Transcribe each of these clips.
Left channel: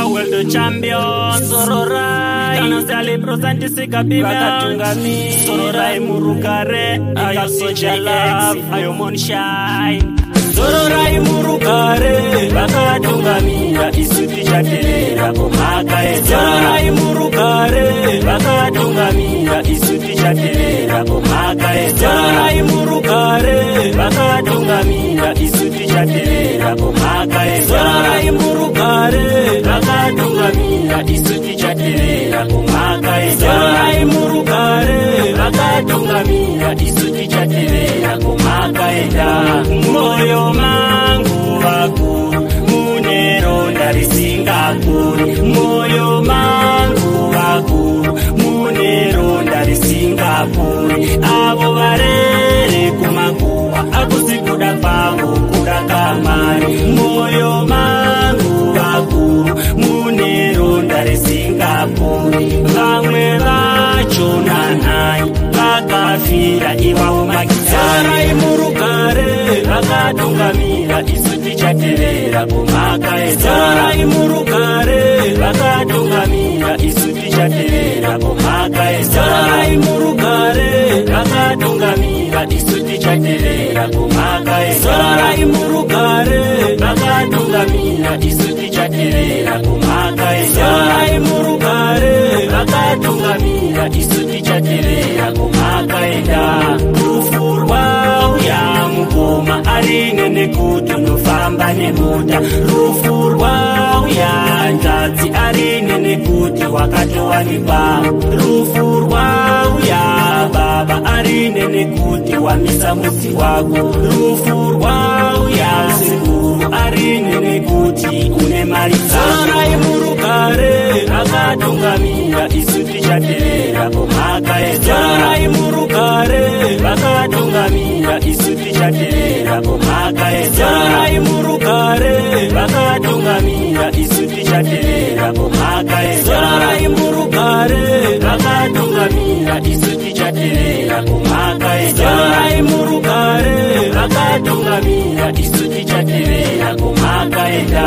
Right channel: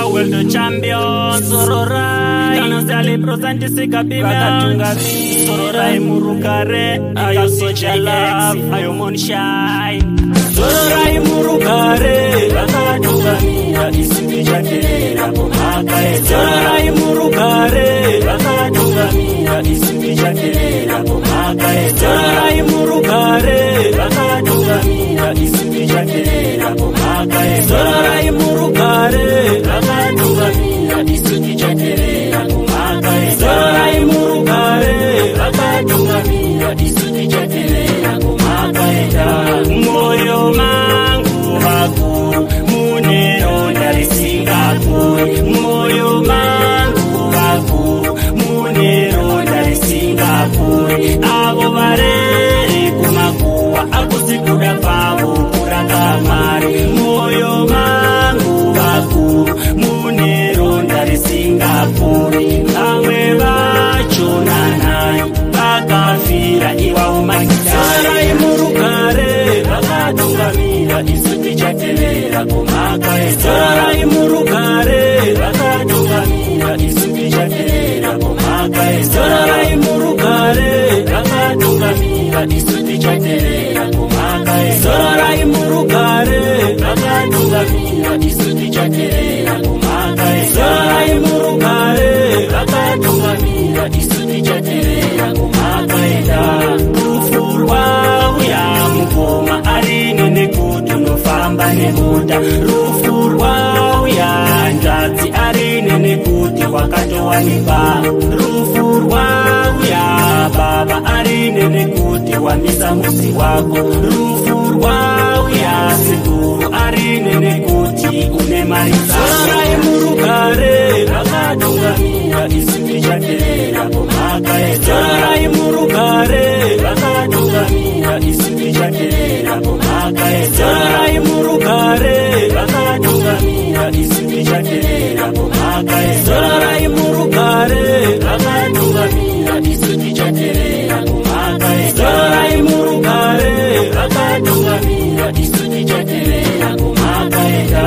I will the champion. Sororai Kanosali prosanti sikabimya Wakatungami Sororai murukare Ayo soja love Ayo monshine Sororai murukare Wakatungamira isuti chatelera Pomaka eza Sororai murukare Wakatungamira isuti chatelera Pomaka eza Sororai murukare Wakatungamira isuti chatelera Pomaka eza Sororai murukare Wakatungamira isuti chatelera Pomaka eza Sororai murukare Wakatungamira isuti chatelera Pomaka eza Moyo mangu wakuru Muneronda risingapuri Moyo mangu wakuru Muneronda risingapuri Avo varere kumakuwa Akusikuda pavo kurangamari Moyo mangu wakuru Muneronda risingapuri Vamwe vacho nanai Vakafira iwa umakitari Sororai murukare Wakatungamira isuti chatelera Pomaka eza Sororai murukare Wakatungamira isuti chatelera Pomaka eza Sororai murukare Wakatungamira isuti chatelera Pomaka eza Sororai murukare Wakatungamira isuti chatelera Pomaka eza Sororai murukare Wakatungamira isuti chatelera Pomaka eza Rufurwa uya mukoma arine nekuti unofamba nemuda Rufurwa uya nzadzi arine nekuti wakatowanikwa Rufurwa uya baba arine nekuti wamisa muzi wako Rufurwa uya sekuru arine nekuti une mari Sororai murukare Wakatungamira isuti chatelera Pomaka eza Sororai murukare Wakatungamira isuti chatelera Pomaka eza Sororai murukare Wakatungamira isuti chatelera Pomaka eza Sororai murukare Wakatungamira isuti chatelera Pomaka eza Sororai murukare Wakatungamira isuti chatelera Pomaka eza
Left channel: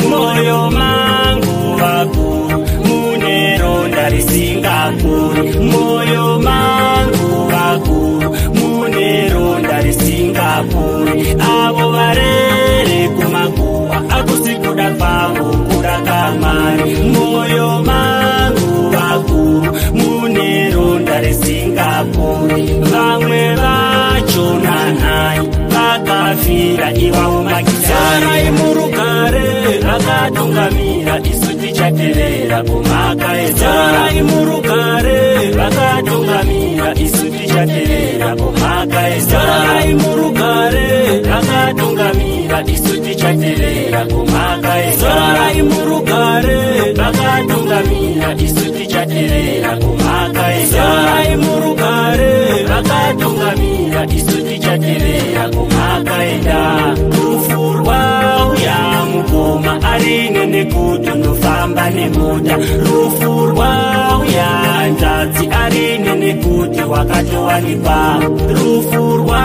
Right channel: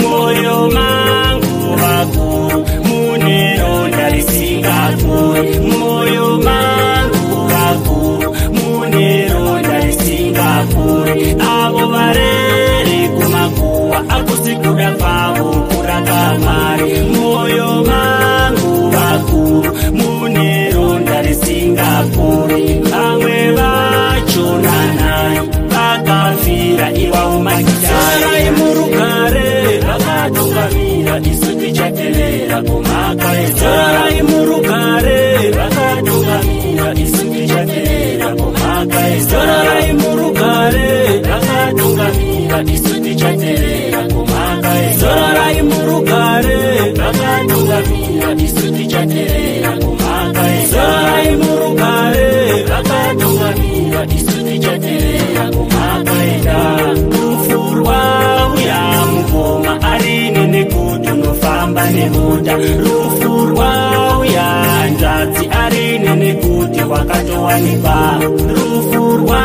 Moyo mangu wakuru Muneronda risingapuri Moyo mangu wakuru Muneronda risingapuri Avo varere kumakuwa Akusikuda pavo kurangamari Moyo mangu wakuru Muneronda risingapuri Vamwe vacho nanai Vakafira iwa umakitari Sororai murukare Wakatungamira isuti chatelera Pomaka eza Sororai murukare Wakatungamira isuti chatelera Pomaka eza Sororai murukare Wakatungamira isuti chatelera Pomaka eza Sororai murukare Wakatungamira isuti chatelera Pomaka eza Sororai murukare Wakatungamira isuti chatelera Pomaka eza Rufurwa uya mukoma arine nekuti unofamba nemuda Rufurwa uya nzadzi arine nekuti wakatowanikwa Rufurwa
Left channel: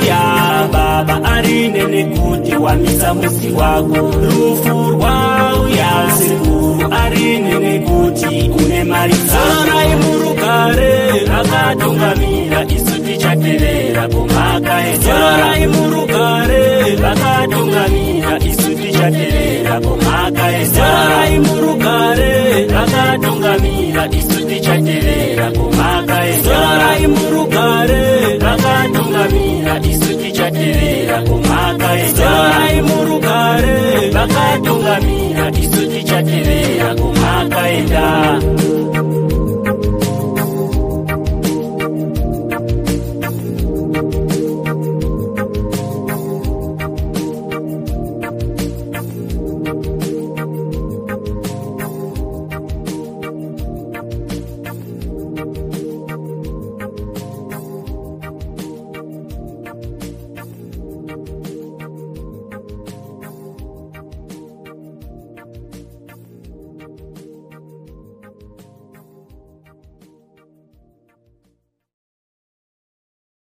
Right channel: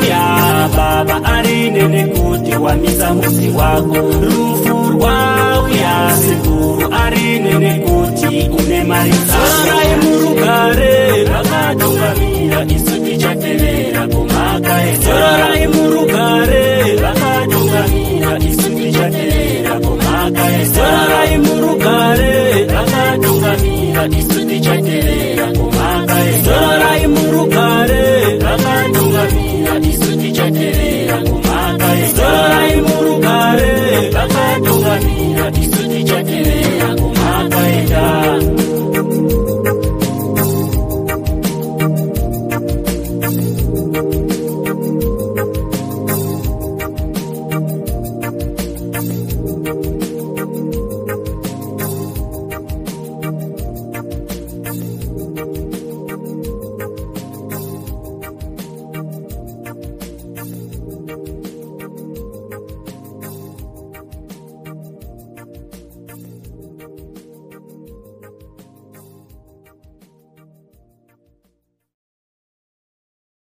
uya baba arine nekuti wamisa muzi wako Rufurwa uya sekuru arine nekuti une mari Sororai murukare Wakatungamira isuti chatelera Pomaka eza Sororai murukare Wakatungamira isuti chatelera Pomaka eza Sororai murukare Wakatungamira isuti chatelera Pomaka eza Sororai murukare Wakatungamira isuti chatelera Pomaka eza Sororai murukare Wakatungamira isuti chatelera